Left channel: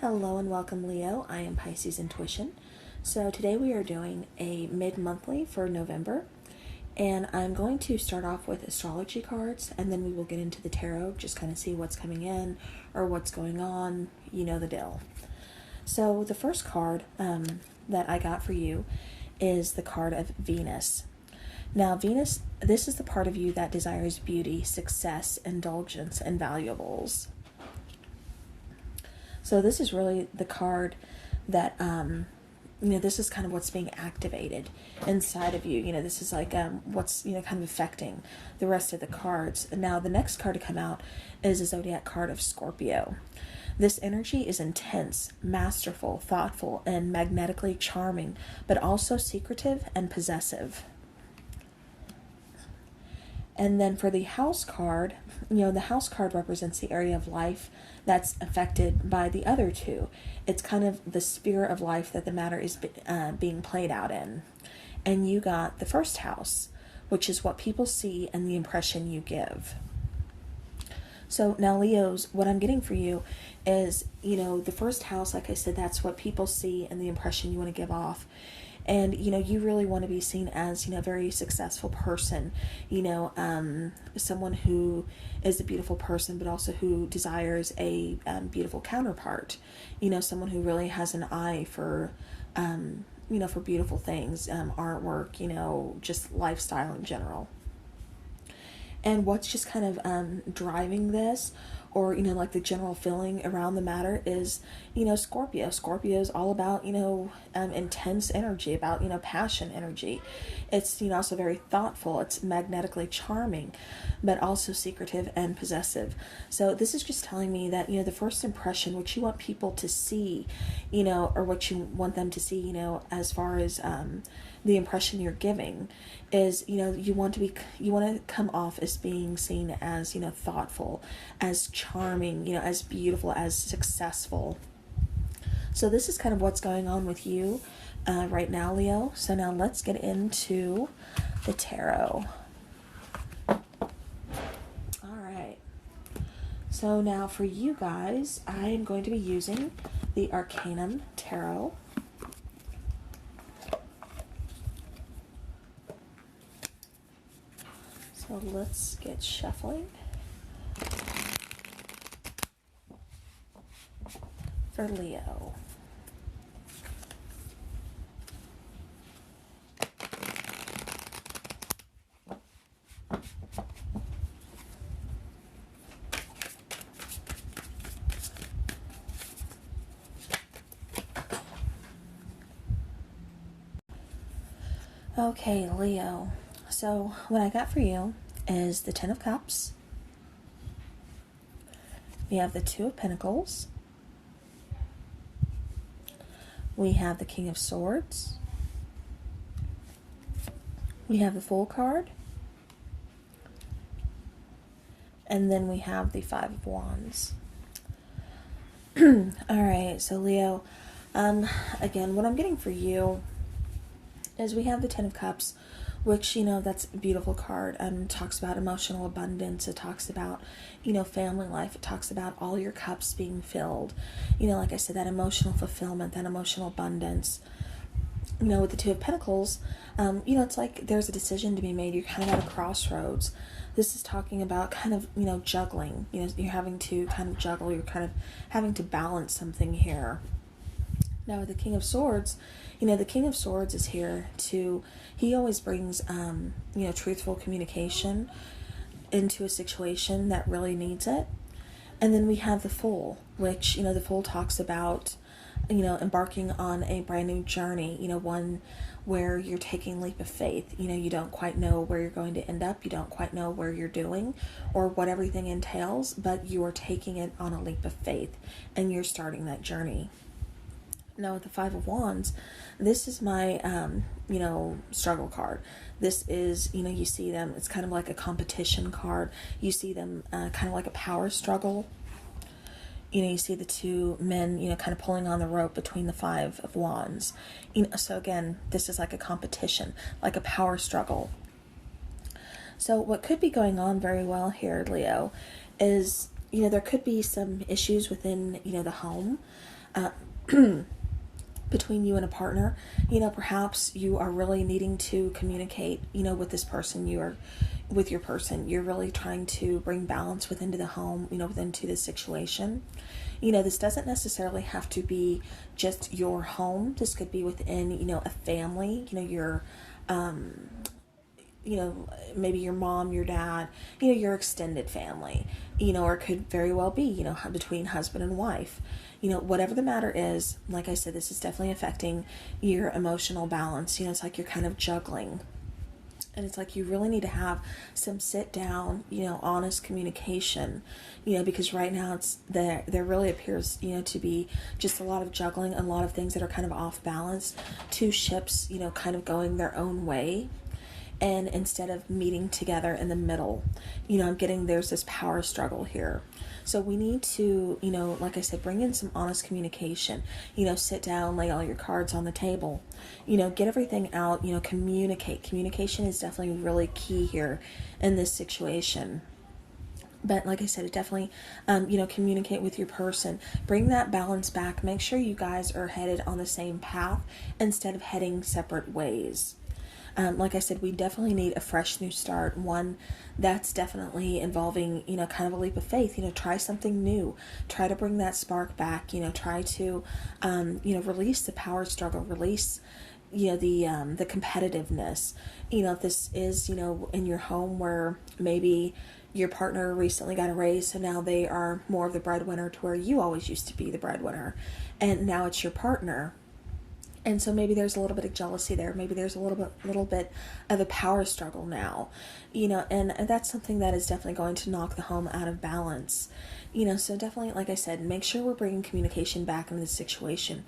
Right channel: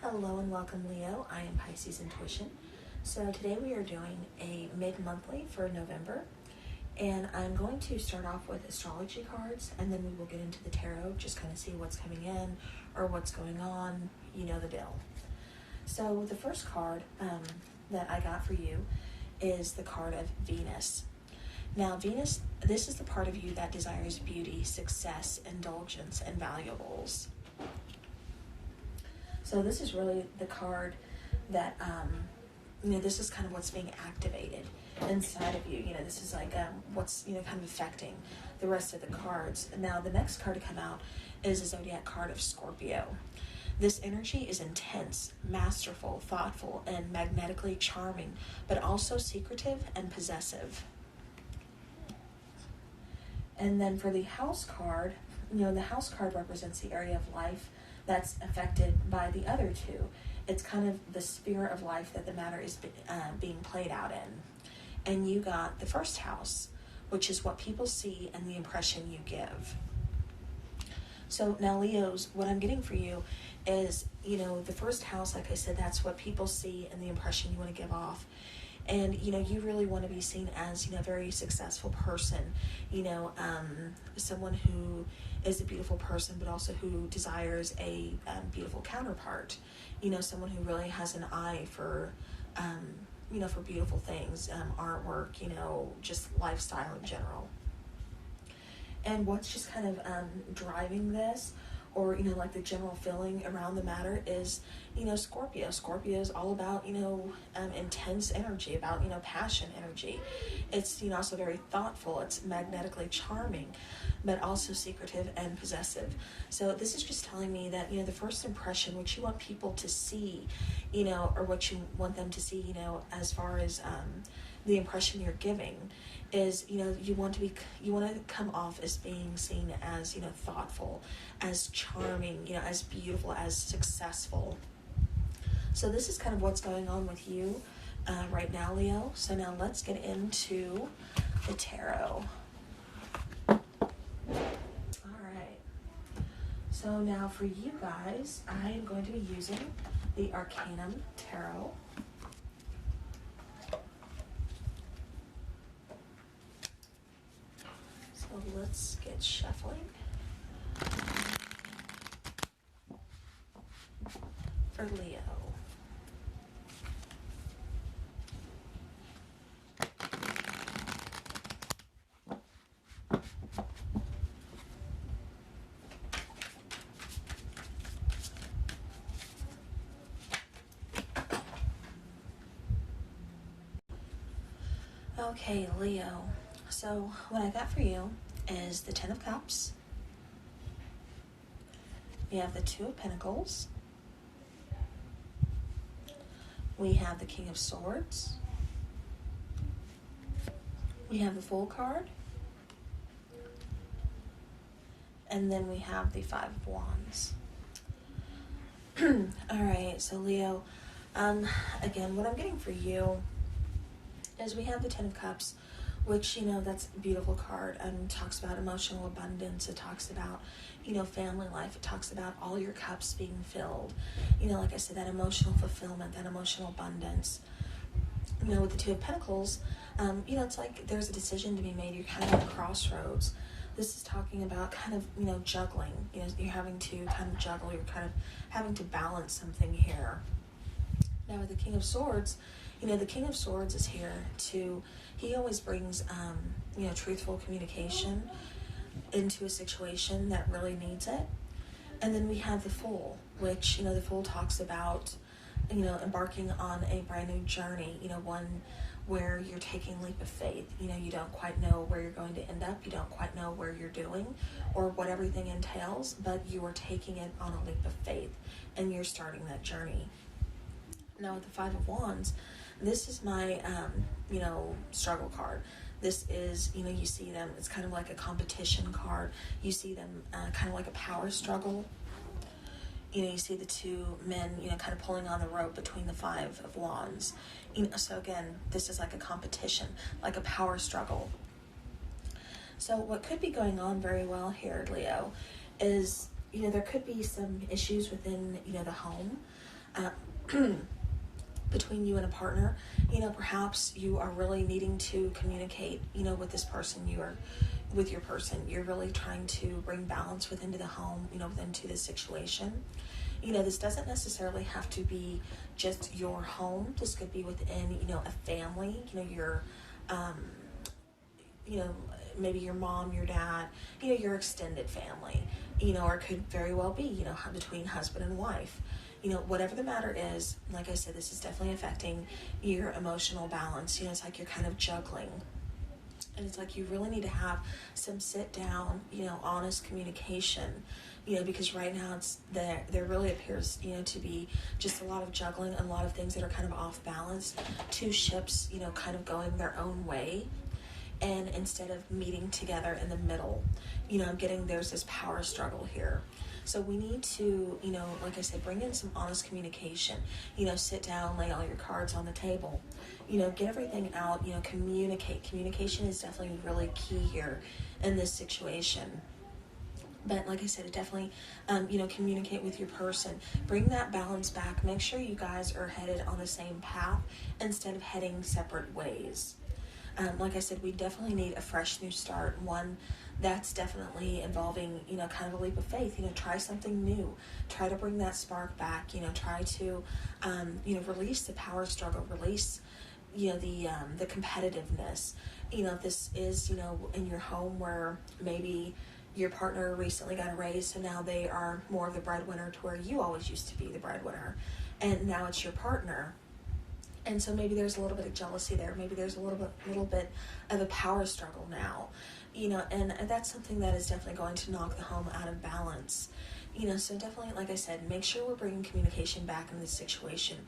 Hello and welcome, Leo. I am Pisces Intuition. So today we are doing a mid-monthly for November, and I'm going to start off with astrology cards, and then we will get into the tarot, just kind of see what's coming in or what's going on, you know the deal. So the first card that I got for you is the card of Venus. Now, Venus, this is the part of you that desires beauty, success, indulgence, and valuables. So this is really the card that, this is kind of what's being activated inside of you. This is like what's, kind of affecting the rest of the cards. Now, the next card to come out is a zodiac card of Scorpio. This energy is intense, masterful, thoughtful, and magnetically charming, but also secretive and possessive. And then for the house card, the house card represents the area of life that's affected by the other two. It's kind of the sphere of life that the matter is being played out in. And you got the first house, which is what people see and the impression you give. So now, Leos, what I'm getting for you is, the first house, like I said, that's what people see and the impression you want to give off. And, you really want to be seen as, a very successful person, someone who is a beautiful person, but also who desires a beautiful counterpart, someone who really has an eye for, for beautiful things, artwork, just lifestyle in general. And what's just kind of driving this, or, like the general feeling around the matter is, Scorpio. Scorpio is all about, intense energy, about, passion energy. It's, also very thoughtful. It's magnetically charming, but also secretive and possessive. So this is just telling me that, the first impression, what you want people to see, or what you want them to see, as far as the impression you're giving, is you want to come off as being seen as thoughtful, as charming, as beautiful, as successful. So this is kind of what's going on with you right now, Leo. So now let's get into the tarot. All right. So now for you guys, I am going to be using the Arcanum Tarot. So let's get shuffling for Leo. Okay, Leo. So what I got for you is the Ten of Cups. We have the Two of Pentacles. We have the King of Swords. We have the Fool card. And then we have the Five of Wands. Alright, so Leo, again, what I'm getting for you is we have the Ten of Cups, which, that's a beautiful card. It talks about emotional abundance. It talks about, family life. It talks about all your cups being filled. Like I said, that emotional fulfillment, that emotional abundance. With the Two of Pentacles, it's like there's a decision to be made. You're kind of at a crossroads. This is talking about kind of, juggling. You're having to kind of juggle. You're kind of having to balance something here. Now, with the King of Swords, the King of Swords is here to, he always brings, truthful communication into a situation that really needs it. And then we have the Fool, which, the Fool talks about, embarking on a brand new journey, one where you're taking a leap of faith. You don't quite know where you're going to end up. You don't quite know where you're doing or what everything entails, but you are taking it on a leap of faith and you're starting that journey. Now, with the Five of Wands, this is my, struggle card. This is, you see them, it's kind of like a competition card. You see them kind of like a power struggle. You see the two men, kind of pulling on the rope between the Five of Wands. So again, this is like a competition, like a power struggle. So what could be going on very well here, Leo, is, there could be some issues within, the home. between you and a partner. Perhaps you are really needing to communicate, with this person. With your person, you're really trying to bring balance within the home, within to the situation. This doesn't necessarily have to be just your home. This could be within, a family, your, you know, maybe your mom, your dad, your extended family, or it could very well be, between husband and wife. Whatever the matter is, like I said, this is definitely affecting your emotional balance. It's like you're kind of juggling. And it's like you really need to have some sit down, honest communication, because right now there really appears, to be just a lot of juggling, a lot of things that are kind of off balance, two ships, kind of going their own way. And instead of meeting together in the middle, there's this power struggle here. So we need to, like I said, bring in some honest communication, sit down, lay all your cards on the table, get everything out, communicate. Communication is definitely really key here in this situation. But like I said, it definitely, communicate with your person. Bring that balance back. Make sure you guys are headed on the same path instead of heading separate ways. Like I said, we definitely need a fresh new start. One that's definitely involving, kind of a leap of faith. Try something new. Try to bring that spark back. Try to, release the power struggle. Release, the competitiveness. If this is, in your home where maybe your partner recently got a raise, so now they are more of the breadwinner to where you always used to be the breadwinner, and now it's your partner. And so maybe there's a little bit of jealousy there. Maybe there's a little bit of a power struggle now, and that's something that is definitely going to knock the home out of balance. So definitely, like I said, make sure we're bringing communication back in this situation.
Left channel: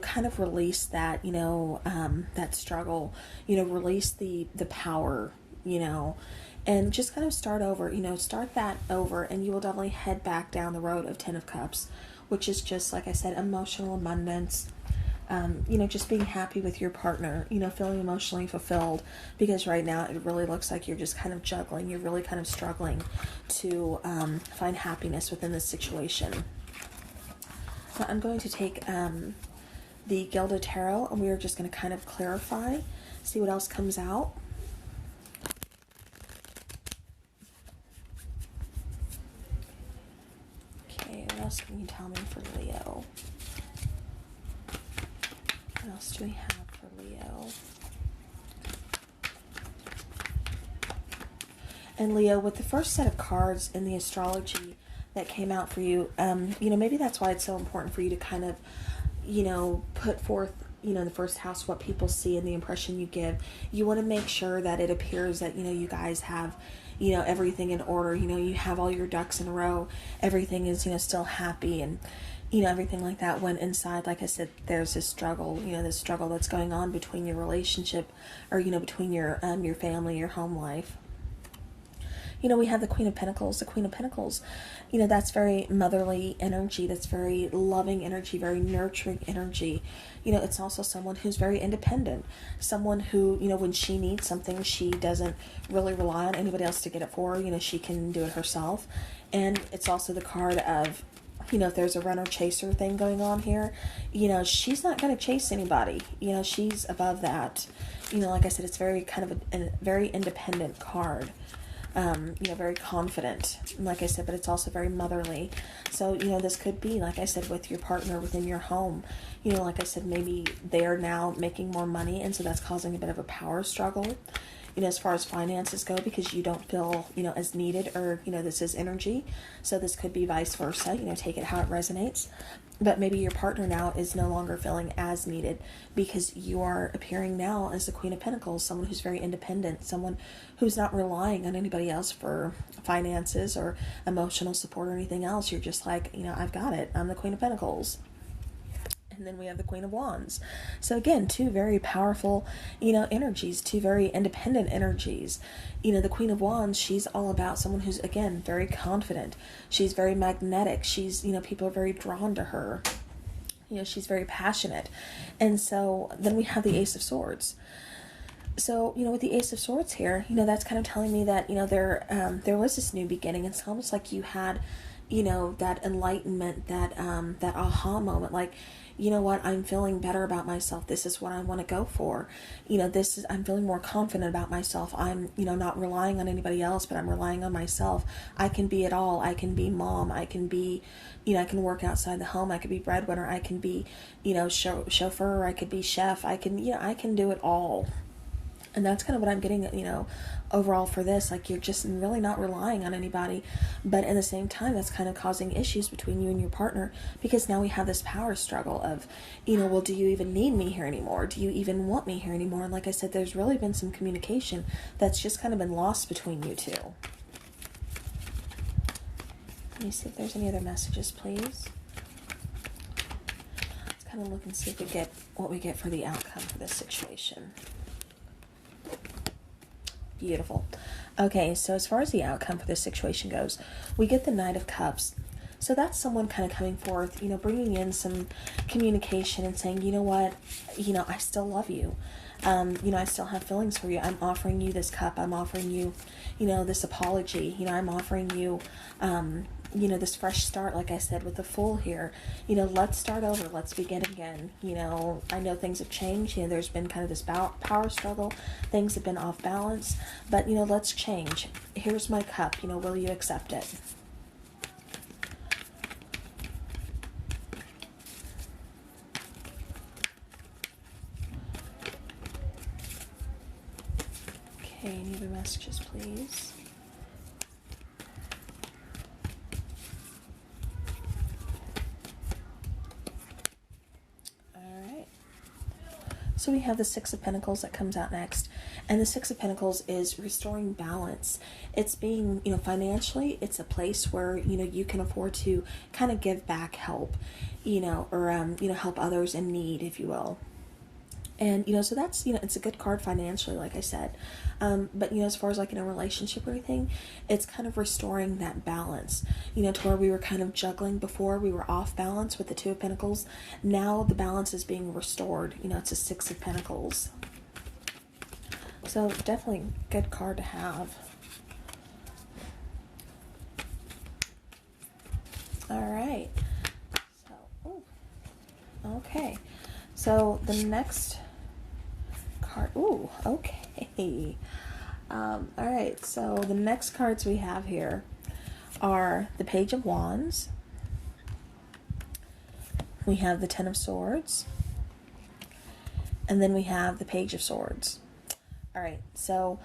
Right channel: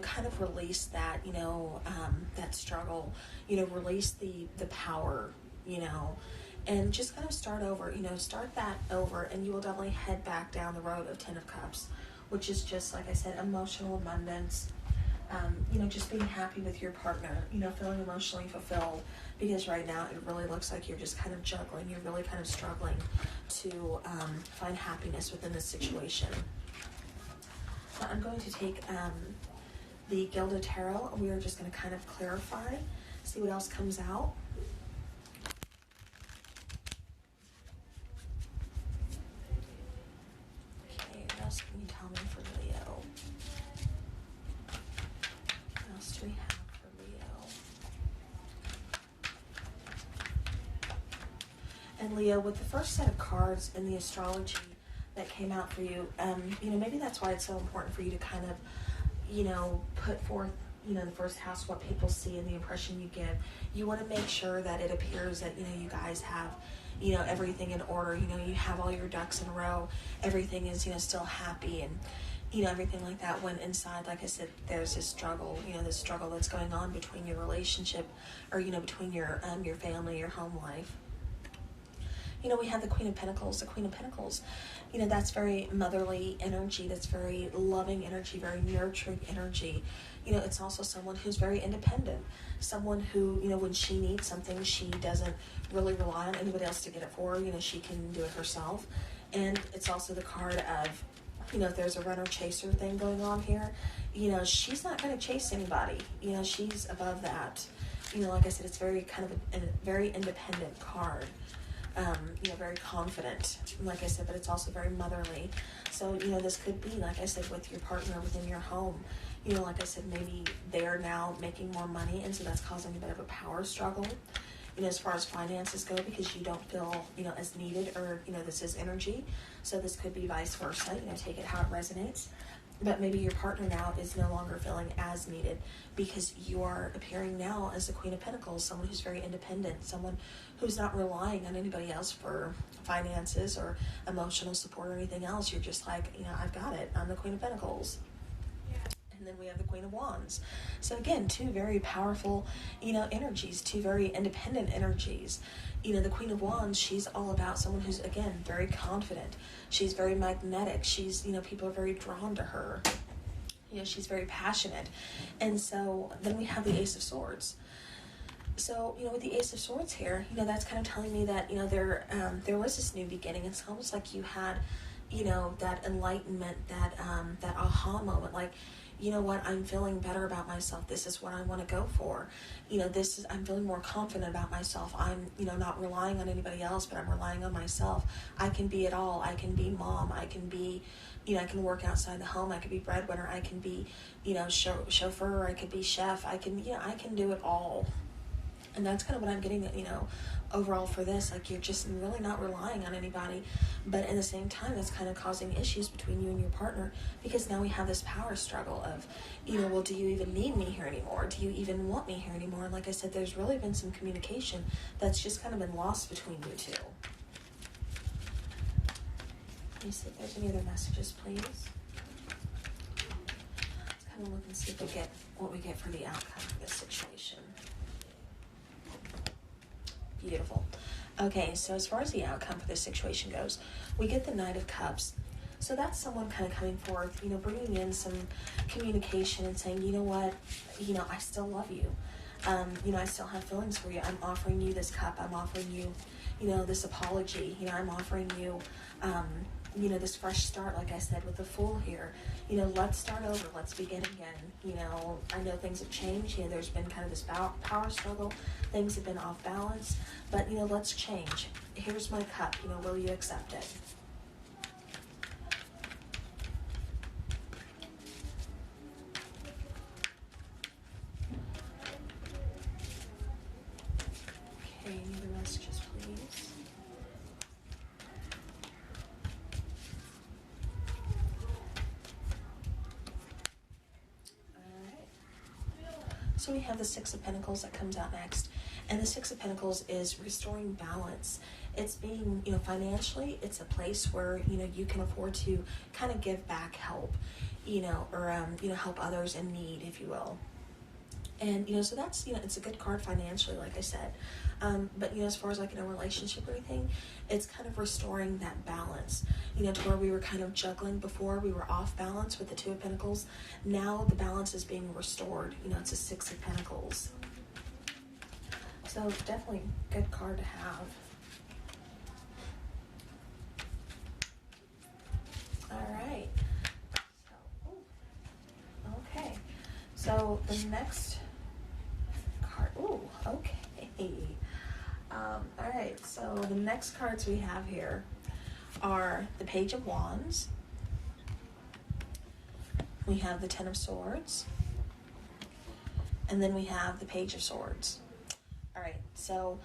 Kind of release that, that struggle. Release the power. And just kind of start over. Start that over, and you will definitely head back down the road of Ten of Cups, which is just, like I said, emotional abundance. Just being happy with your partner, feeling emotionally fulfilled, because right now it really looks like you're just kind of juggling. You're really kind of struggling to find happiness within this situation. Now I'm going to take the Gilded Tarot, and we are just going to kind of clarify, see what else comes out. Okay, what else can you tell me for Leo? What else do we have for Leo? And Leo, with the first set of cards in the astrology that came out for you, maybe that's why it's so important for you to kind of, put forth, in the first house, what people see and the impression you give. You want to make sure that it appears that, you guys have, everything in order. You have all your ducks in a row. Everything is, still happy and, everything like that, when inside, like I said, there's this struggle, this struggle that's going on between your relationship, or, between your family, your home life. We have the Queen of Pentacles. The Queen of Pentacles, that's very motherly energy. That's very loving energy, very nurturing energy. It's also someone who's very independent. Someone who, when she needs something, she doesn't really rely on anybody else to get it for her. She can do it herself. And it's also the card of, if there's a runner-chaser thing going on here, she's not going to chase anybody. She's above that. Like I said, it's very kind of a very independent card. Very confident, like I said, but it's also very motherly. So, this could be, like I said, with your partner within your home. Like I said, maybe they're now making more money, and so that's causing a bit of a power struggle, as far as finances go, because you don't feel, as needed, or, this is energy. So this could be vice versa, take it how it resonates. But maybe your partner now is no longer feeling as needed, because you are appearing now as the Queen of Pentacles, someone who's very independent, someone who's not relying on anybody else for finances or emotional support or anything else. You're just like, I've got it. I'm the Queen of Pentacles. And then we have the Queen of Wands. So again, two very powerful, energies, two very independent energies. The Queen of Wands, she's all about someone who's, again, very confident. She's very magnetic. She's, people are very drawn to her. She's very passionate. And so then we have the Ace of Swords. So, with the Ace of Swords here, that's kind of telling me that, there was this new beginning. It's almost like you had, that enlightenment, that aha moment, like, you know what, I'm feeling better about myself. This is what I want to go for. I'm feeling more confident about myself. I'm, not relying on anybody else, but I'm relying on myself. I can be it all. I can be mom. I can be, I can work outside the home. I could be breadwinner. I can be, chauffeur. I could be chef. I can, I can do it all. And that's kind of what I'm getting, overall for this. Like, you're just really not relying on anybody. But at the same time, that's kind of causing issues between you and your partner, because now we have this power struggle of, well, do you even need me here anymore? Do you even want me here anymore? And like I said, there's really been some communication that's just kind of been lost between you two. Let me see if there's any other messages, please. Let's kind of look and see if we get what we get for the outcome for this situation. Beautiful. Okay, so as far as the outcome for this situation goes, we get the Knight of Cups. So that's someone kind of coming forth, bringing in some communication and saying, you know what, I still love you. I still have feelings for you. I'm offering you this cup. I'm offering you, this apology. I'm offering you, this fresh start, like I said, with the Fool here. Let's start over. Let's begin again. I know things have changed. There's been kind of this power struggle. Things have been off balance. But, let's change. Here's my cup. Will you accept it? Okay, any other messages, please? So we have the Six of Pentacles that comes out next. And the Six of Pentacles is restoring balance. It's being, financially, it's a place where, you can afford to kind of give back help, or, help others in need, if you will. And, so that's, it's a good card financially, like I said. But, as far as like in a relationship or anything, it's kind of restoring that balance, to where we were kind of juggling before. We were off balance with the Two of Pentacles. Now the balance is being restored. It's a Six of Pentacles. So definitely a good card to have. All right. Okay. So the next card. Ooh, okay. All right. So the next cards we have here are the Page of Wands. We have the Ten of Swords. And then we have the Page of Swords. All right. So,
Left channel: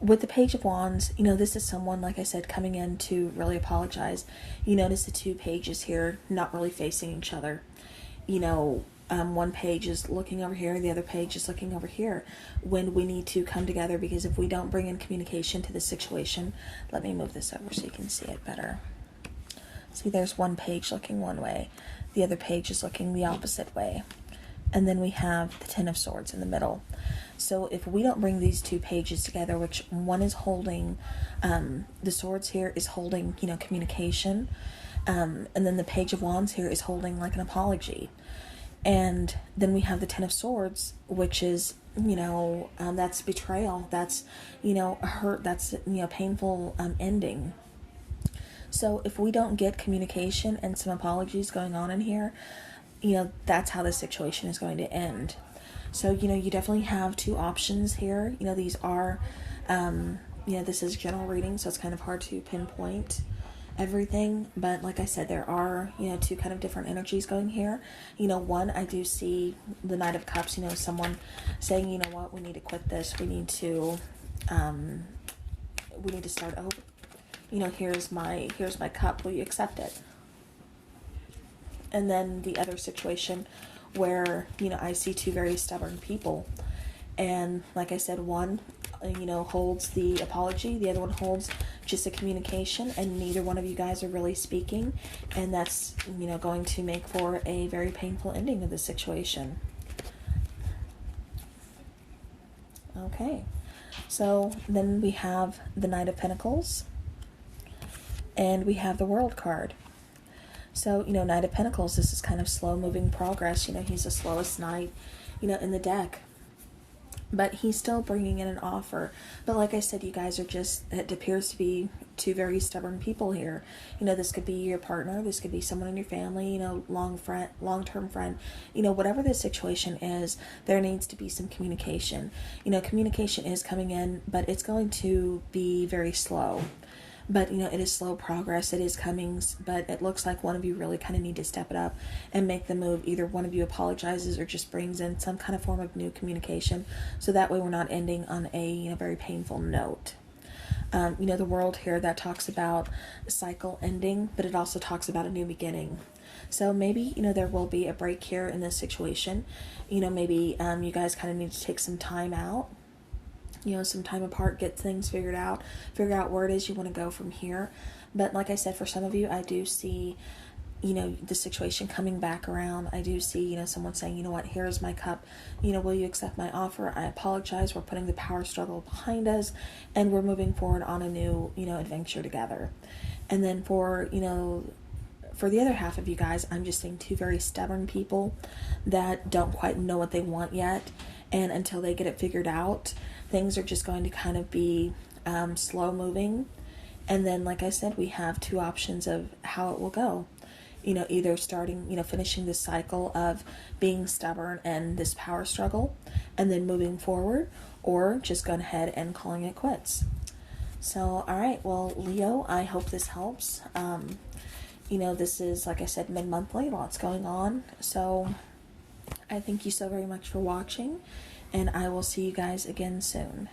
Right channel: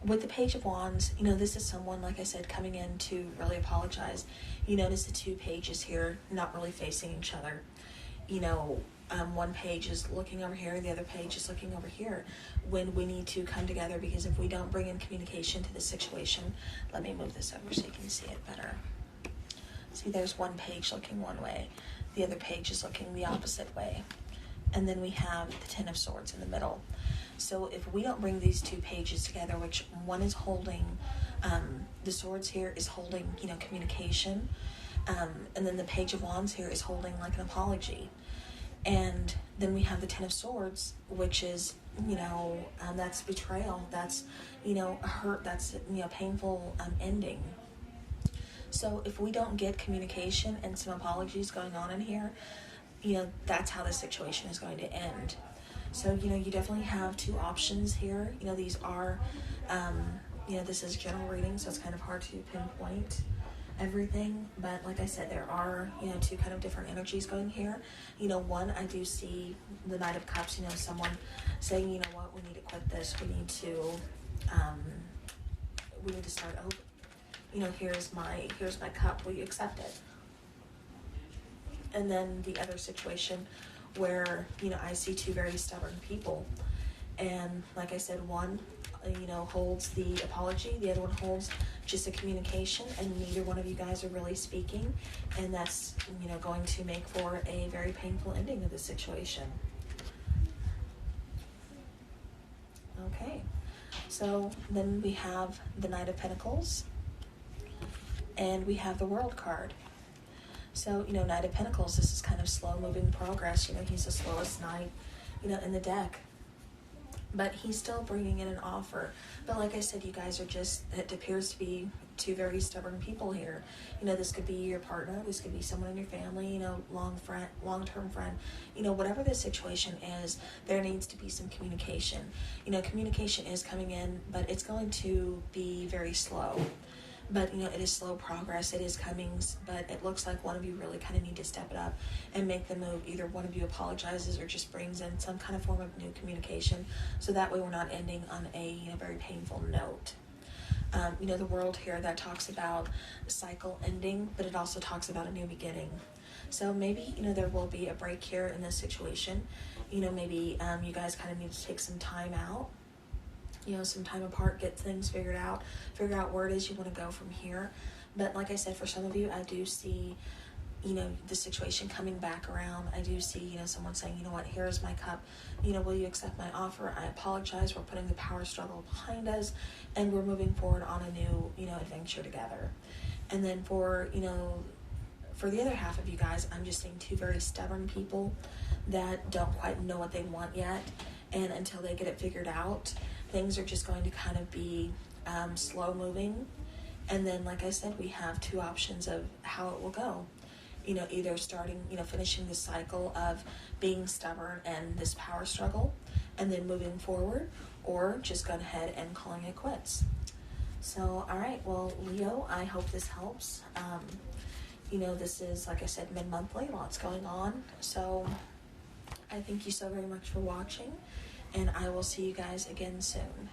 with the Page of Wands, this is someone, like I said, coming in to really apologize. You notice the two pages here not really facing each other. One page is looking over here, the other page is looking over here, when we need to come together, because if we don't bring in communication to the situation, let me move this over so you can see it better. See, there's one page looking one way, the other page is looking the opposite way. And then we have the Ten of Swords in the middle. So if we don't bring these two pages together, which one is holding, the swords here is holding, communication, and then the Page of Wands here is holding like an apology. And then we have the Ten of Swords, which is, that's betrayal, that's, a hurt, that's, painful ending. So if we don't get communication and some apologies going on in here, that's how the situation is going to end. So, you definitely have two options here. These are, this is general reading, so it's kind of hard to pinpoint everything. But like I said, there are, two kind of different energies going here. One, I do see the Knight of Cups, someone saying, you know what, we need to quit this. We need to start over. Here's my cup. Will you accept it? And then the other situation where, I see two very stubborn people. And like I said, one, holds the apology. The other one holds just a communication. And neither one of you guys are really speaking. And that's, going to make for a very painful ending of the situation. Okay. So then we have the Knight of Pentacles. And we have the World card. So, Knight of Pentacles, this is kind of slow-moving progress. He's the slowest knight, in the deck. but he's still bringing in an offer. But like I said, you guys are just, it appears to be two very stubborn people here. You know, this could be your partner, this could be someone in your family, you know, long-term friend. You know, whatever the situation is, there needs to be some communication. You know, communication is coming in, but it's going to be very slow. But, you know, it is slow progress. It is coming, but it looks like one of you really kind of need to step it up and make the move. Either one of you apologizes or just brings in some kind of form of new communication. So that way we're not ending on a, you know, very painful note. You know, the world here, that talks about a cycle ending, but it also talks about a new beginning. So maybe, you know, there will be a break here in this situation. You know, maybe you guys kind of need to take some time out, you know, some time apart, get things figured out, figure out where it is you want to go from here. But like I said, for some of you, I do see, you know, the situation coming back around. I do see, you know, someone saying, you know what, here's my cup, you know, will you accept my offer? I apologize. We're putting the power struggle behind us, and we're moving forward on a new, you know, adventure together. And then for, you know, for the other half of you guys, I'm just seeing two very stubborn people that don't quite know what they want yet, and until they get it figured out, things are just going to kind of be slow moving. And then, like I said, we have two options of how it will go. You know, either starting, you know, finishing this cycle of being stubborn and this power struggle, and then moving forward, or just going ahead and calling it quits. So, all right, well, Leo, I hope this helps. You know, this is, like I said, mid-monthly, lots going on. So, I thank you so very much for watching, and I will see you guys again soon.